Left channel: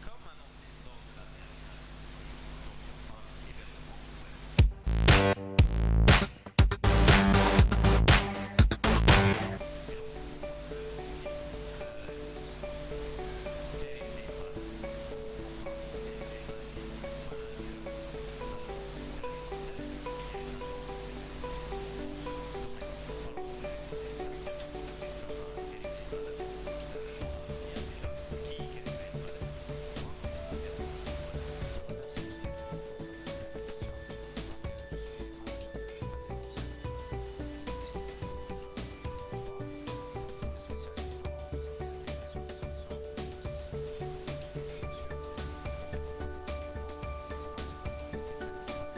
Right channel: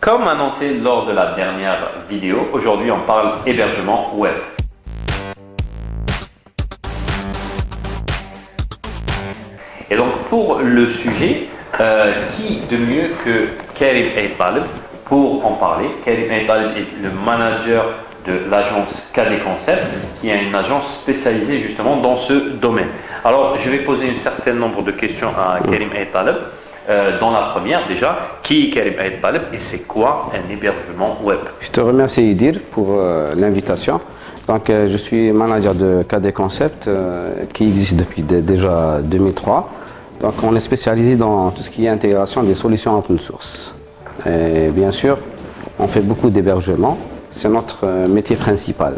Comme annoncé lors de la dernière vidéo, aujourd'hui on parle hébergement web. Et donc pour le sujet, qui de mieux que Karim Aït-Taleb pour en parler. Karim Aït-Taleb est le manager de l'agence KD Concept, qui est une agence spécialisée justement dans ce domaine. Alors je vais poser un certain nombre de questions à Karim Aït-Taleb. Dans la première déjà, qui est Karim Aït-Taleb et c'est quoi un hébergement web? Je te remercie Idir pour l'invitation. Donc, je suis manager de KD Concept qui existe depuis déjà 2003. Donc on est spécialisé dans tout ce qui est intégration des solutions open source. Et bien sûr, on fait beaucoup d'hébergement, c'est notre métier principal.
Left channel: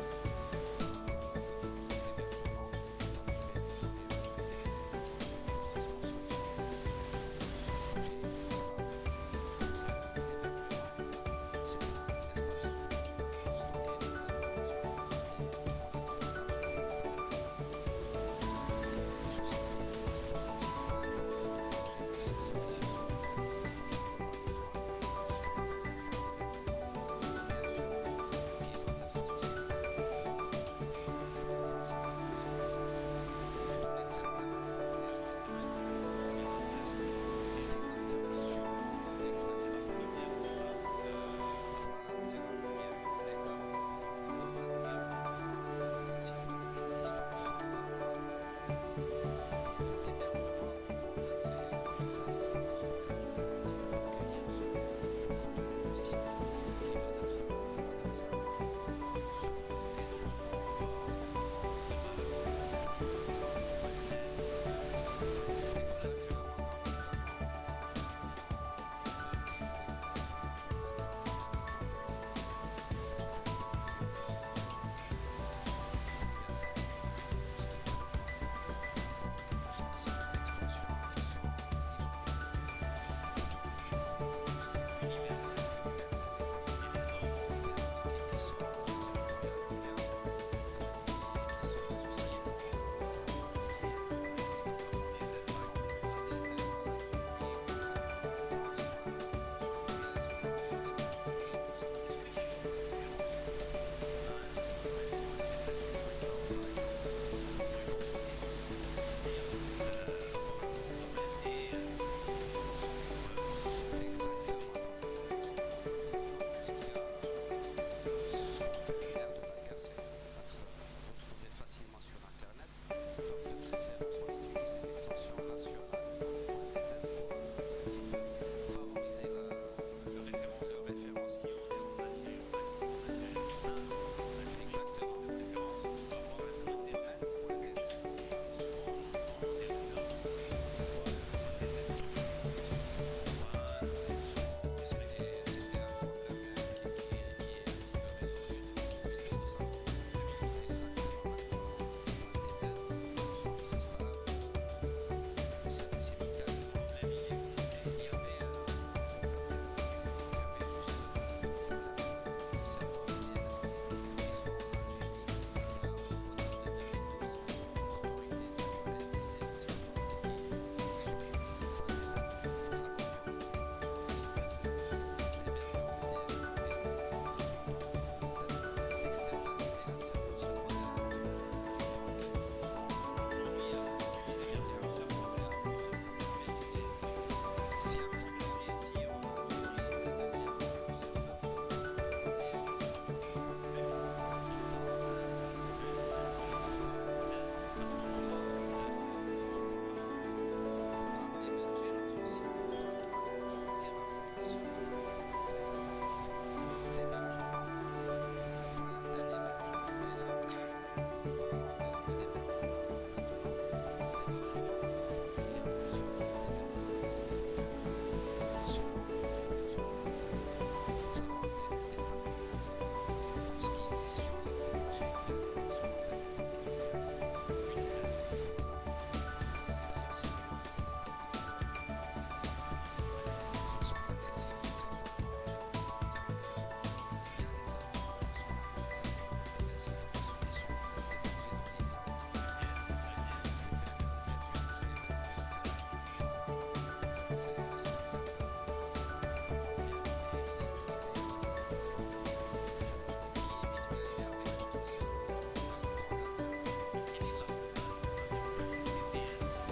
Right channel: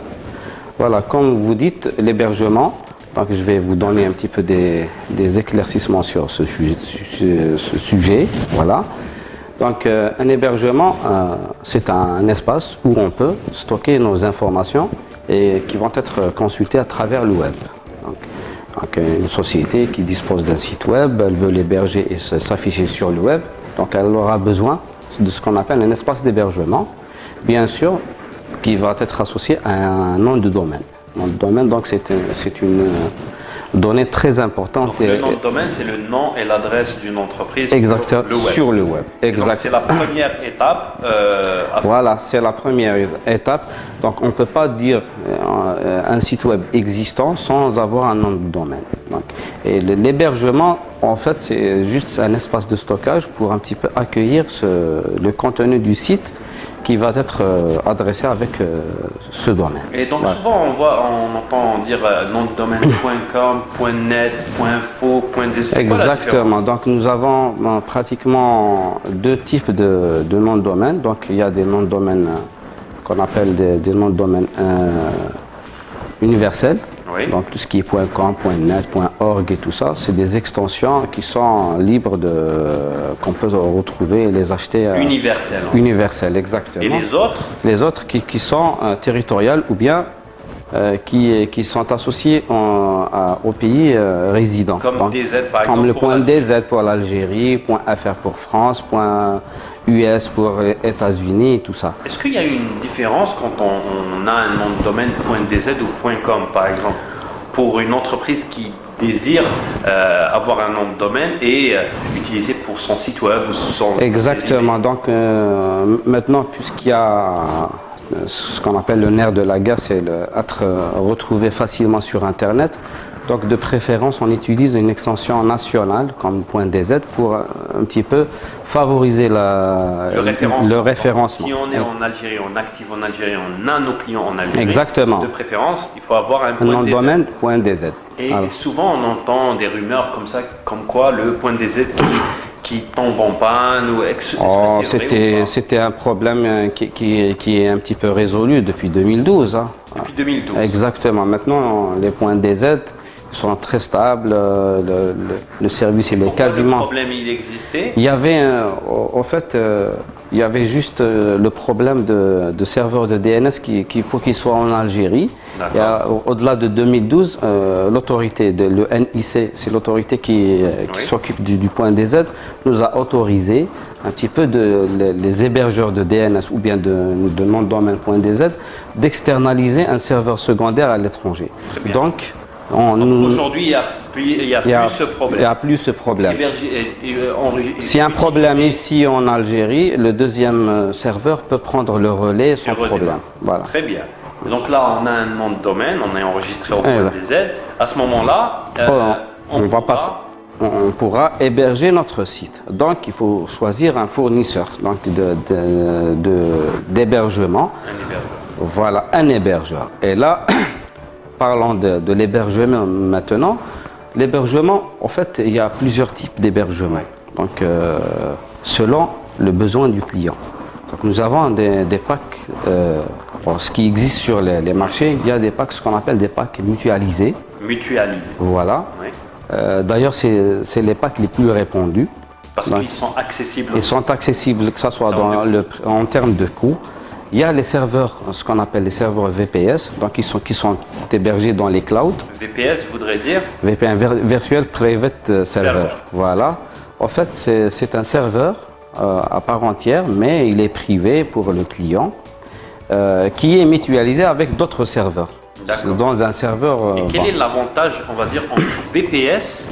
Voilà, comme vous dites, l'hébergement, donc je vais vous donner un petit peu des éclaircissements sur ce sujet. Voilà. Donc un hébergement, c'est un espace où on peut stocker nos informations et qui vont être consultées à travers le web. Donc, une société qui dispose d'un site web, elle veut l'héberger et s'afficher sur le web. Donc elle aura besoin de ce qu'on appelle un espace d'hébergement, bien sûr, qui va être associé à un nom de domaine. Nom de domaine, donc c'est une donnée très importante. Donc, le nom de domaine, c'est le nom et l'adresse d'une entreprise sur le web. Exact. C'est la première étape. Voilà, c'est la première étape. Donc on ne peut pas dire un site web existant sans avoir un nom de domaine. Donc, et l'hébergement, en fait, c'est juste un espace de stockage pour un petit peu accueillir le contenu du site qui va être adressé avec ce domaine. Et donc souvent on entend dire nom de domaine .com, .net, .info, .des. Exactement. Donc nous avons pratiquement deux types de noms de domaine. Donc il y a des noms de domaine qu'on appelle des noms de domaine universels. Oui. Donc tout ce qui est .com, .net, .org et tout ça, c'est des extensions qui sont libres qu'on peut retrouver et les acheter. Universelles. Universelles, exactement. Et les autres? Les autres qui sont territoriales ou bien qui sont associés au pays résident. Comme donc, DZ par exemple. Comme le point DZ pour l'Algérie, .fr pour France, .us pour États-Unis et tout ça. Est-ce qu'il y a une différence quand on a un nom de domaine .dz ou .com par exemple pour une entreprise qui désire avoir un nom de domaine et utiliser pour son site web ou son... Exactement. Donc maintenant, puisqu'il y a ce qu'on appelle le nerf de la guerre, c'est être retrouvé facilement sur Internet. Donc de préférence, on utilise une extension nationale comme .dz pour un petit peu favoriser le référencement. Si on est en Algérie, on active en Algérie, on a nos clients en Algérie. Exactement. De préférence, il faut avoir un nom de domaine .dz. Et souvent on entend des rumeurs comme ça, comme quoi le .dz qui tombe en panne ou c'était un problème qui est un petit peu résolu depuis 2012. Hein. Depuis 2012. Exactement. Maintenant, les .dz sont très stables, le service il est quasiment... Le problème il existait? Il y avait, il y avait juste le problème de serveurs de DNS qu'il faut qu'ils soient en Algérie. Au-delà de 2012, l'autorité, le NIC, c'est l'autorité qui s'occupe du .dz, nous a autorisé un petit peu les hébergeurs de DNS ou bien de nom de domaine .dz d'externaliser un serveur secondaire à l'étranger. Donc aujourd'hui, il n'y a plus ce problème. Il n'y a plus ce problème. S'il y a un problème ici en Algérie, le deuxième serveur peut prendre le relais sans problème. Voilà. Très bien. Donc là, on a un nom de domaine, on est enregistré au .dz. À ce moment-là, on pourra héberger notre site. Donc, il faut choisir un fournisseur d'hébergement. Voilà, un hébergeur. Et là, parlons de l'hébergement maintenant. L'hébergement, en fait, il y a plusieurs types d'hébergement. Donc, selon le besoin du client. Donc, nous avons des packs, ce qui existe sur les marchés, il y a des packs, ce qu'on appelle des packs mutualisés. Mutualisés. Voilà. Oui. D'ailleurs, c'est les packs les plus répandus. Parce qu'ils sont accessibles. Ils sont accessibles, que ce soit en termes de coût. Il y a les serveurs, ce qu'on appelle les serveurs VPS, donc qui sont hébergés dans les clouds. VPS voudrait dire VPN, Virtual Private Server. Voilà. En fait, c'est un serveur à part entière, mais il est privé pour le client, qui est mutualisé avec d'autres serveurs. D'accord. Dans un serveur. Et quel est l'avantage, on va dire, entre VPS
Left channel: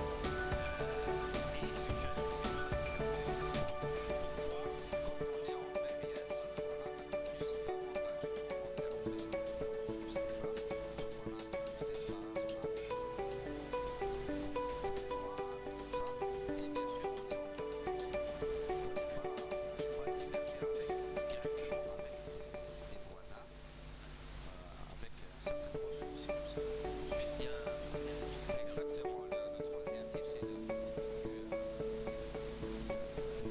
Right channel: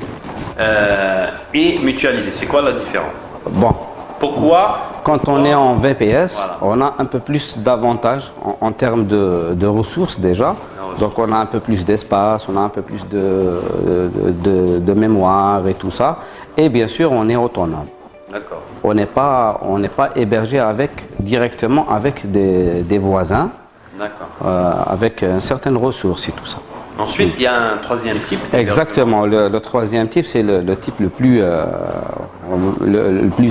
et mutualisé? C'est quoi la différence? Bon, Pourquoi? quand on est en VPS, Voilà. on a un peu plus d'avantages en termes de ressources déjà. Donc on a un peu plus d'espace, on a un peu plus de mémoire et tout ça. Et bien sûr, on est autonome. D'accord. On n'est pas hébergé directement avec des voisins, D'accord. avec certaines ressources et tout ça. Ensuite, il y a un troisième type. Exactement. Le troisième type, c'est le type le plus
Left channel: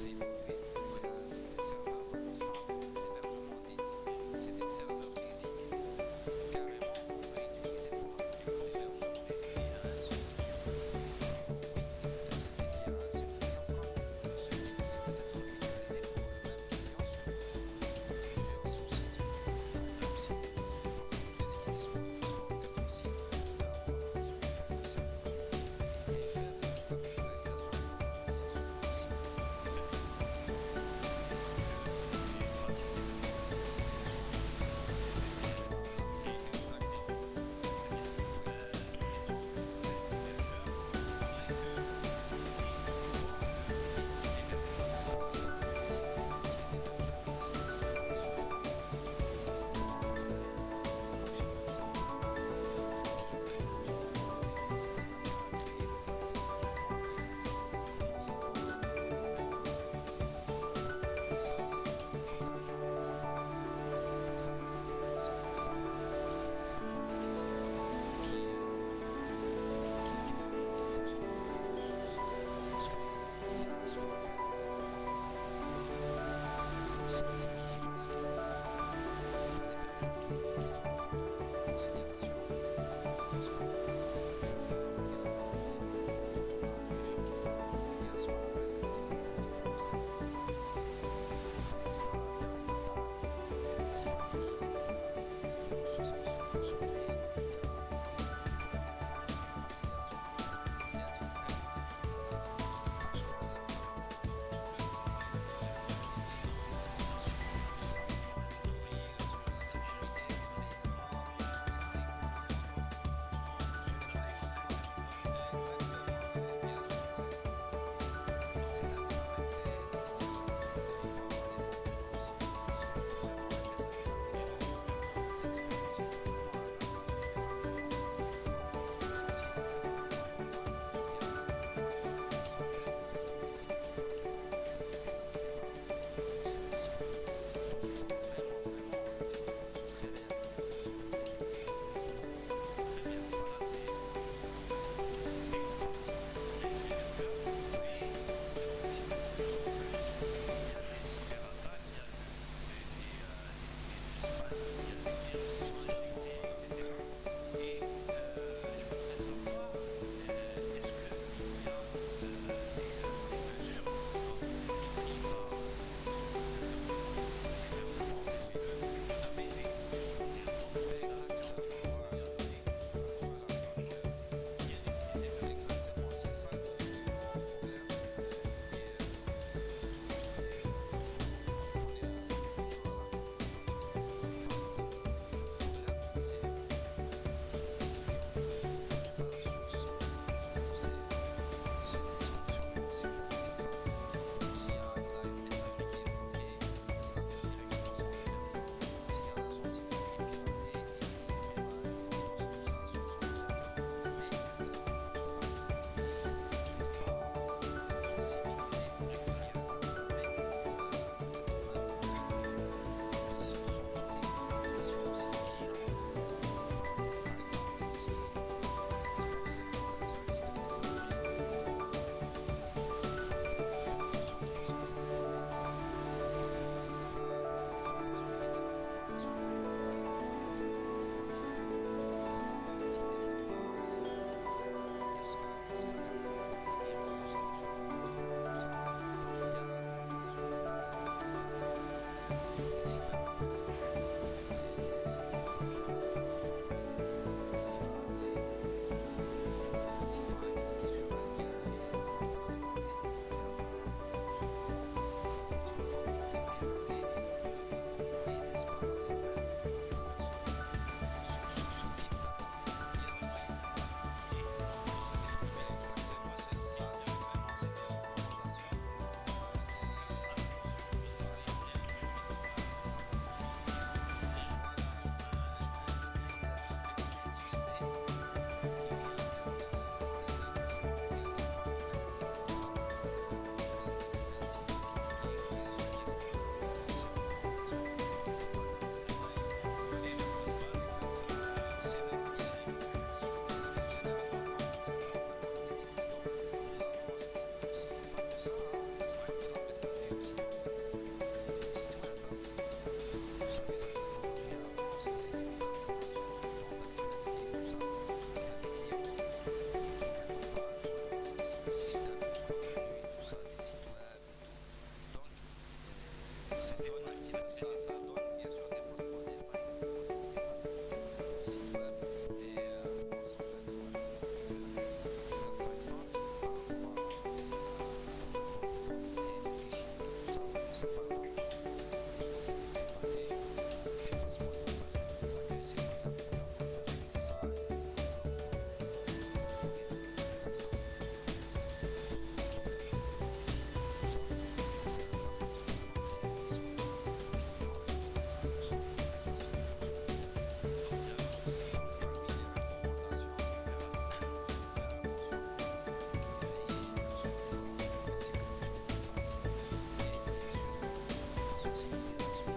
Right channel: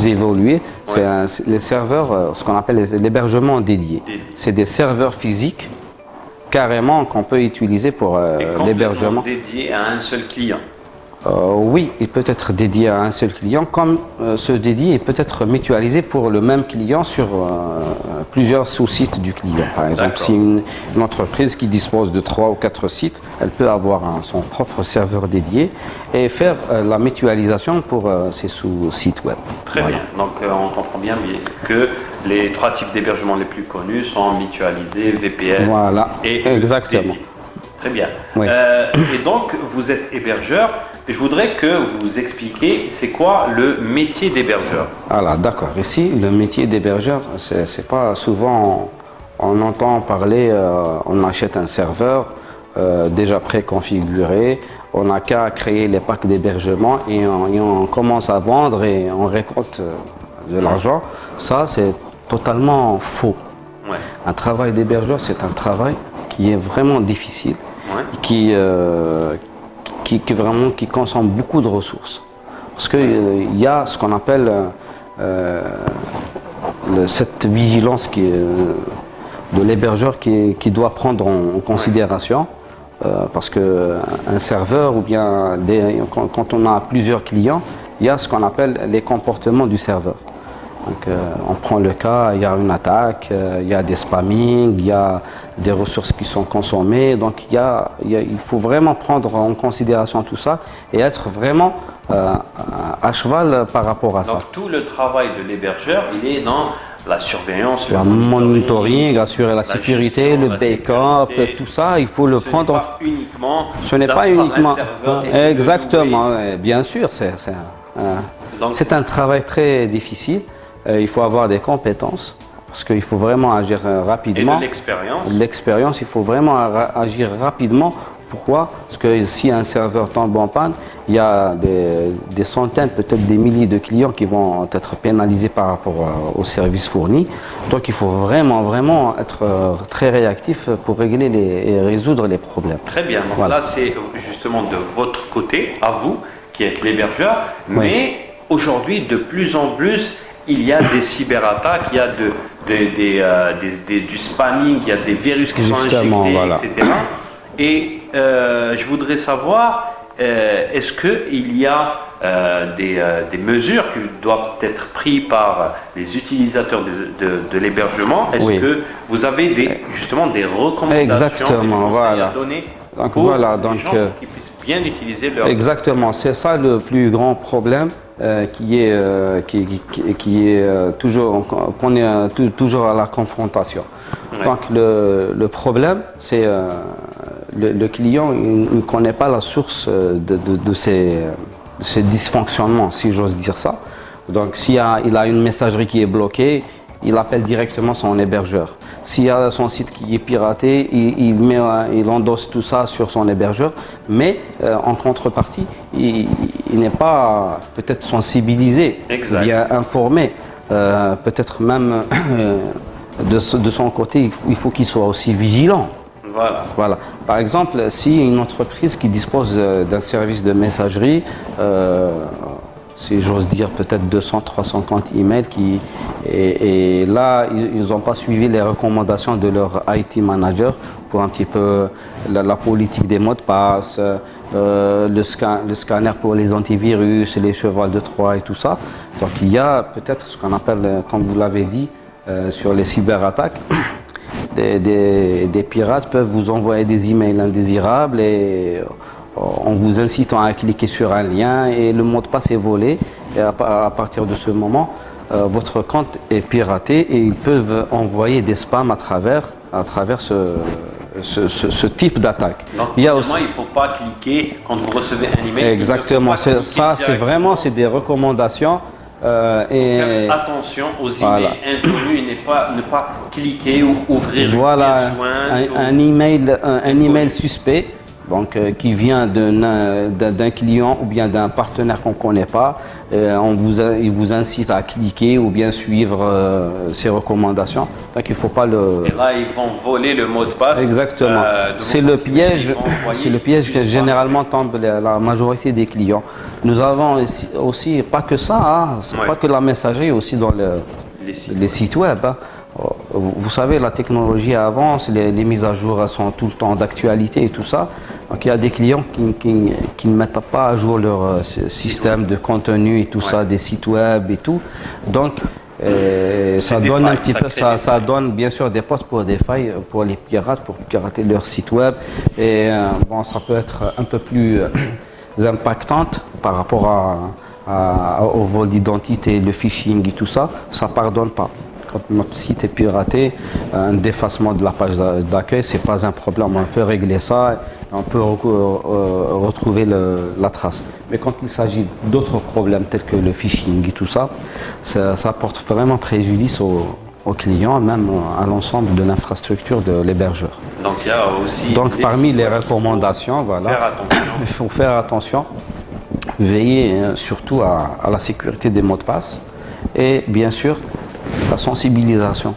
évolué. C'est les serveurs, ce qu'on appelle l'hébergement dédié. C'est des serveurs physiques carrément qu'on peut utiliser pour l'hébergement. Dédié à un seul client. Oui, il peut être dédié à un seul client, comme ce dédié peut être mutualisé pour le même client sur plusieurs sous-sites du client. Par exemple, si une entreprise qui dispose de 3 ou 4 sites, elle peut avoir son propre serveur dédié et faire la mutualisation pour ses sous-sites web. Très bien. Donc on comprend bien que les 3 types d'hébergement les plus connus sont mutualisés, VPS et exactement. dédié. Très bien. Oui. Et donc, vous êtes hébergeur. Je voudrais que vous expliquiez c'est quoi le métier d'hébergeur. Voilà, d'accord. Ici, le métier d'hébergeur, c'est pas souvent on entend parler, on achète un serveur déjà préconfiguré, on n'a qu'à créer les packs d'hébergement et on commence à vendre et on récolte de l'argent. Ça, c'est totalement faux. Ouais. Un travail d'hébergeur, c'est un travail qui est vraiment difficile. Qui consomme beaucoup de ressources. Parce qu'il y a ce qu'on appelle cette vigilance de l'hébergeur qui doit prendre en considération. Parce qu'un serveur, ou bien quand on a plusieurs clients, il y a ce qu'on appelle les comportements du serveur. Donc, on prend le cas, il y a une attaque, il y a des spammings, il y a des ressources qui sont consommées. Donc il faut vraiment prendre en considération tout ça et être vraiment à cheval par rapport à ça. Donc tout le travail de l'hébergeur, il est dans la surveillance, le monitoring, assurer la sécurité, le backup, tout ça, il faut le prendre. Ce n'est pas uniquement. Exactement, bien sûr, c'est un travail très difficile. Il faut avoir des compétences parce qu'il faut vraiment agir rapidement. Et de l'expérience. L'expérience, il faut vraiment agir rapidement. Pourquoi? Parce que si un serveur tombe en panne, il y a des centaines, peut-être des milliers de clients qui vont être pénalisés par rapport aux services fournis. Donc il faut vraiment être très réactif pour régler et résoudre les problèmes. Très bien. Donc là, c'est justement de votre côté, à vous, qui êtes l'hébergeur. Mais aujourd'hui, de plus en plus, il y a des cyberattaques, il y a du spamming, il y a des virus qui sont injectés, etc. Et je voudrais savoir, est-ce qu'il y a des mesures qui doivent être prises par les utilisateurs de l'hébergement? Est-ce que vous avez justement des recommandations à donner pour les gens qui puissent bien utiliser leur... Exactement, c'est ça le plus grand problème qui est toujours, qu'on est toujours à la confrontation. Donc le problème, c'est le client ne connaît pas la source de ces dysfonctionnements, si j'ose dire ça. Donc s'il a une messagerie qui est bloquée, il appelle directement son hébergeur. S'il y a son site qui est piraté, il endosse tout ça sur son hébergeur, mais en contrepartie, il n'est pas peut-être sensibilisé, bien informé, peut-être même de son côté, il faut qu'il soit aussi vigilant. Voilà. Par exemple, si une entreprise qui dispose d'un service de messagerie, si j'ose dire peut-être 200-300 comptes email et là ils n'ont pas suivi les recommandations de leur IT manager pour un petit peu la politique des mots de passe, le scanner pour les antivirus, les chevals de Troie et tout ça. Donc il y a peut-être ce qu'on appelle, comme vous l'avez dit, sur les cyberattaques, des pirates peuvent vous envoyer des emails indésirables et en vous incitant à cliquer sur un lien et le mot de passe est volé. Et à partir de ce moment, votre compte est piraté et ils peuvent envoyer des spams à travers ce type d'attaque. Donc, il ne faut pas cliquer quand vous recevez un email. Exactement, c'est vraiment des recommandations. Faire attention aux emails inconnus et ne pas cliquer ou ouvrir un email suspect. Donc, qui vient d'un client ou bien d'un partenaire qu'on ne connaît pas, il vous incite à cliquer ou bien suivre ses recommandations. Donc, il ne faut pas le... Et là, ils vont voler le mot de passe. Exactement. C'est le piège que généralement tombe la majorité des clients. Nous avons aussi, pas que ça, c'est pas que la messagerie, aussi dans les sites web. Vous savez, la technologie avance, les mises à jour sont tout le temps d'actualité et tout ça. Donc il y a des clients qui ne mettent pas à jour leur système de contenu et tout ça, des sites web et tout. Donc ça donne un petit peu, ça donne bien sûr des portes pour des failles pour les pirates, pour pirater leur site web. Et bon, ça peut être un peu plus impactante par rapport au vol d'identité, le phishing et tout ça. Ça ne pardonne pas. Quand notre site est piraté, un défacement de la page d'accueil, ce n'est pas un problème. On peut régler ça, on peut retrouver la trace. Mais quand il s'agit d'autres problèmes tels que le phishing et tout ça, ça porte vraiment préjudice aux clients, même à l'ensemble de l'infrastructure de l'hébergeur. Donc il y a aussi parmi les recommandations, voilà, il faut faire attention, veiller surtout à la sécurité des mots de passe et bien sûr la sensibilisation.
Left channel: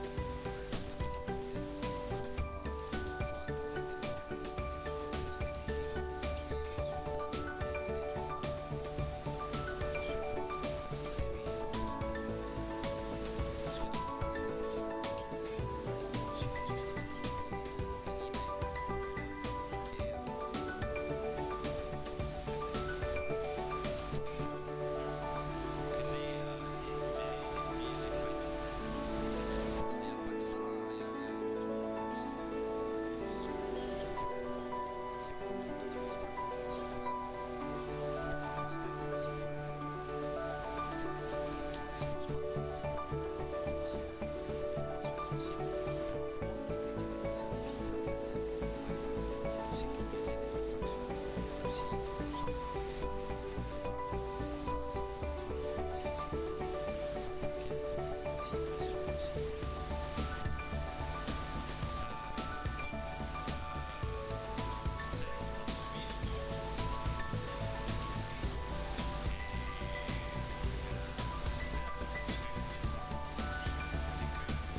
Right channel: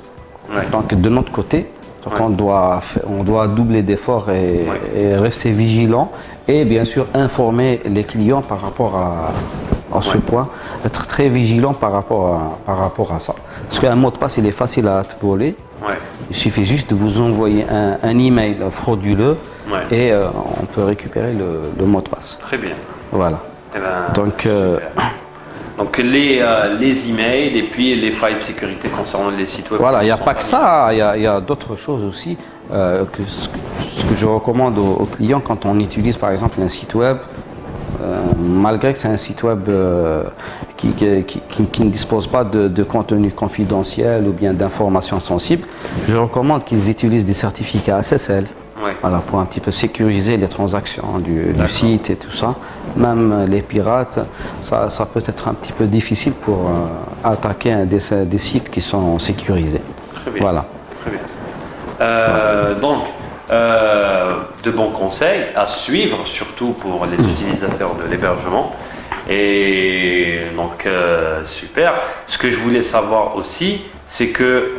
Donc de notre côté, on doit doubler d'efforts et rester vigilant et bien sûr informer les clients par rapport à ce point, être très vigilant par rapport à ça. Parce qu'un mot de passe, il est facile à voler. Il suffit juste de vous envoyer un email frauduleux et on peut récupérer le mot de passe. Très bien. Voilà. Eh ben, donc les emails et puis les failles de sécurité concernant les sites web. Voilà, il n'y a pas que ça, il y a d'autres choses aussi. Ce que je recommande aux clients quand on utilise par exemple un site web, malgré que c'est un site web qui ne dispose pas de contenu confidentiel ou bien d'informations sensibles, je recommande qu'ils utilisent des certificats SSL. Voilà, pour un petit peu sécuriser les transactions du site et tout ça. Même les pirates, ça peut être un petit peu difficile pour attaquer des sites qui sont sécurisés. Très bien. Voilà. Très bien. Donc, de bons conseils à suivre, surtout pour les utilisateurs de l'hébergement. Et donc, super. Ce que je voulais savoir aussi, c'est que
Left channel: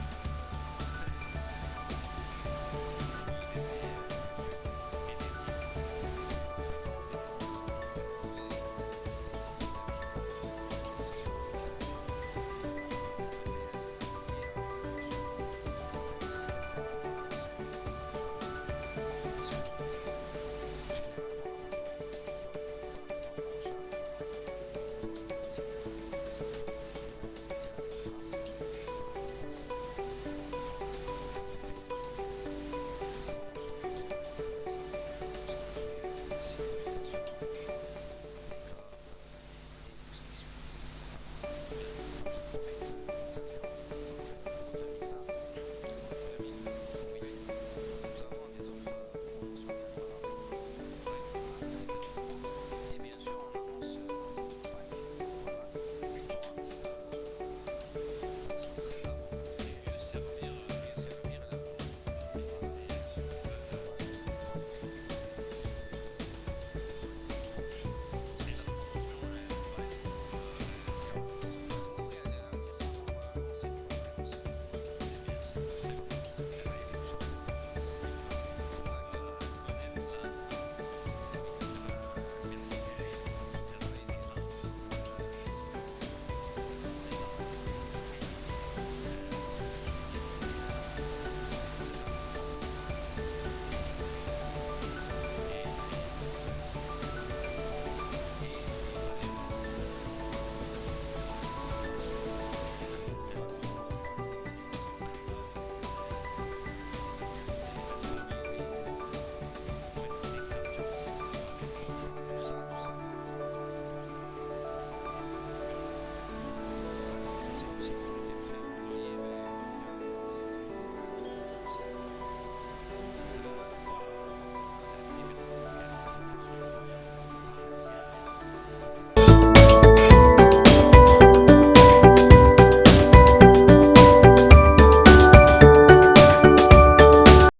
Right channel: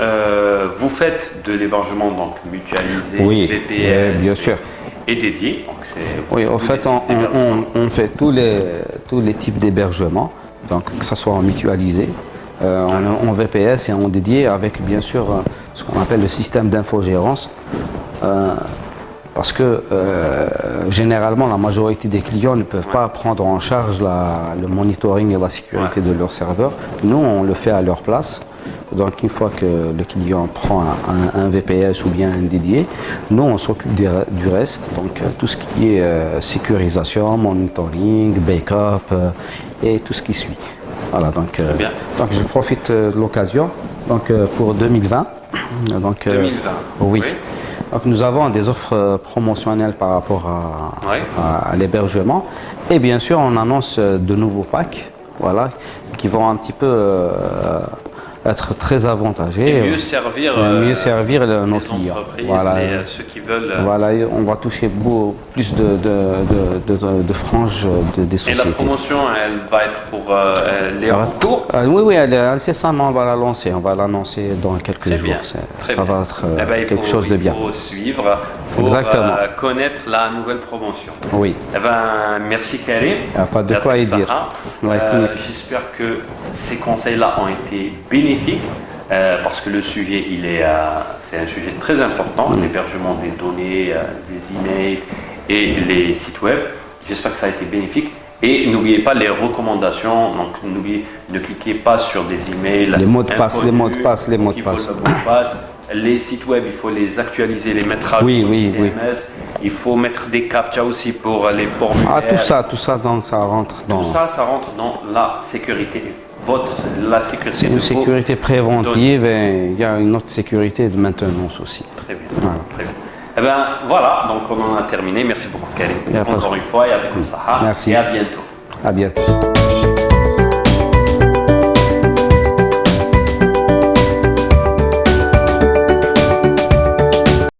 vous faites de l'hébergement donc mutualisé, VPS bien sûr. Et dédié. Donc oui, en fait, on fait tous les types d'hébergement, donc que ce soit en mutualisé, en VPS et en dédié, avec bien sûr ce qu'on appelle le système d'infogérance. Parce que généralement, la majorité des clients ne peuvent pas prendre en charge le monitoring et la sécurité de leur serveur. Nous, on le fait à leur place. Donc, une fois que le client prend un VPS ou bien un dédié, nous, on s'occupe du reste. Donc, tout ce qui est sécurisation, monitoring, backup et tout ce qui suit. Voilà, donc je profite de l'occasion pour 2020. Donc, 2020. Oui. Donc nous avons des offres promotionnelles par rapport à l'hébergement et bien sûr on annonce de nouveaux packs, voilà, qui vont un petit peu être très avantagés. Et mieux servir nos clients. Voilà. Et ceux qui veulent. Voilà, on va toucher plus de franges des sociétés. Et la promotion, elle va être pour les recours? Oui, incessamment, on va la lancer. On va l'annoncer dans quelques jours. Ça va être quelque chose de bien. Il faut suivre pour connaître la nouvelle promotion. Oui. Eh ben, merci Karim. Pas de quoi y dire. J'espère que ces conseils-là ont été bénéfiques parce que le sujet, c'est un sujet très important, l'hébergement des données, des emails et les sites web. J'espère que ça a été bénéfique. Et n'oubliez pas les recommandations, donc ne cliquez pas sur des emails. Les mots de passe. les sites web, il faut les actualiser, les mettre à jour, Oui, les oui. CMS. Il faut mettre des captcha aussi pour les formulaires. Ah, tout ça, donc ça rentre dans... Tout ça, ça rentre dans la sécurité. La sécurité C'est de une vos sécurité préventive données. et il y a une autre sécurité de maintenance aussi. Très bien. Voilà. Très bien. Eh bien, voilà, donc on en a terminé. Merci beaucoup, Karim. Il y a pas de Encore une fois, et avec ça. Merci. Et à bientôt. À bientôt.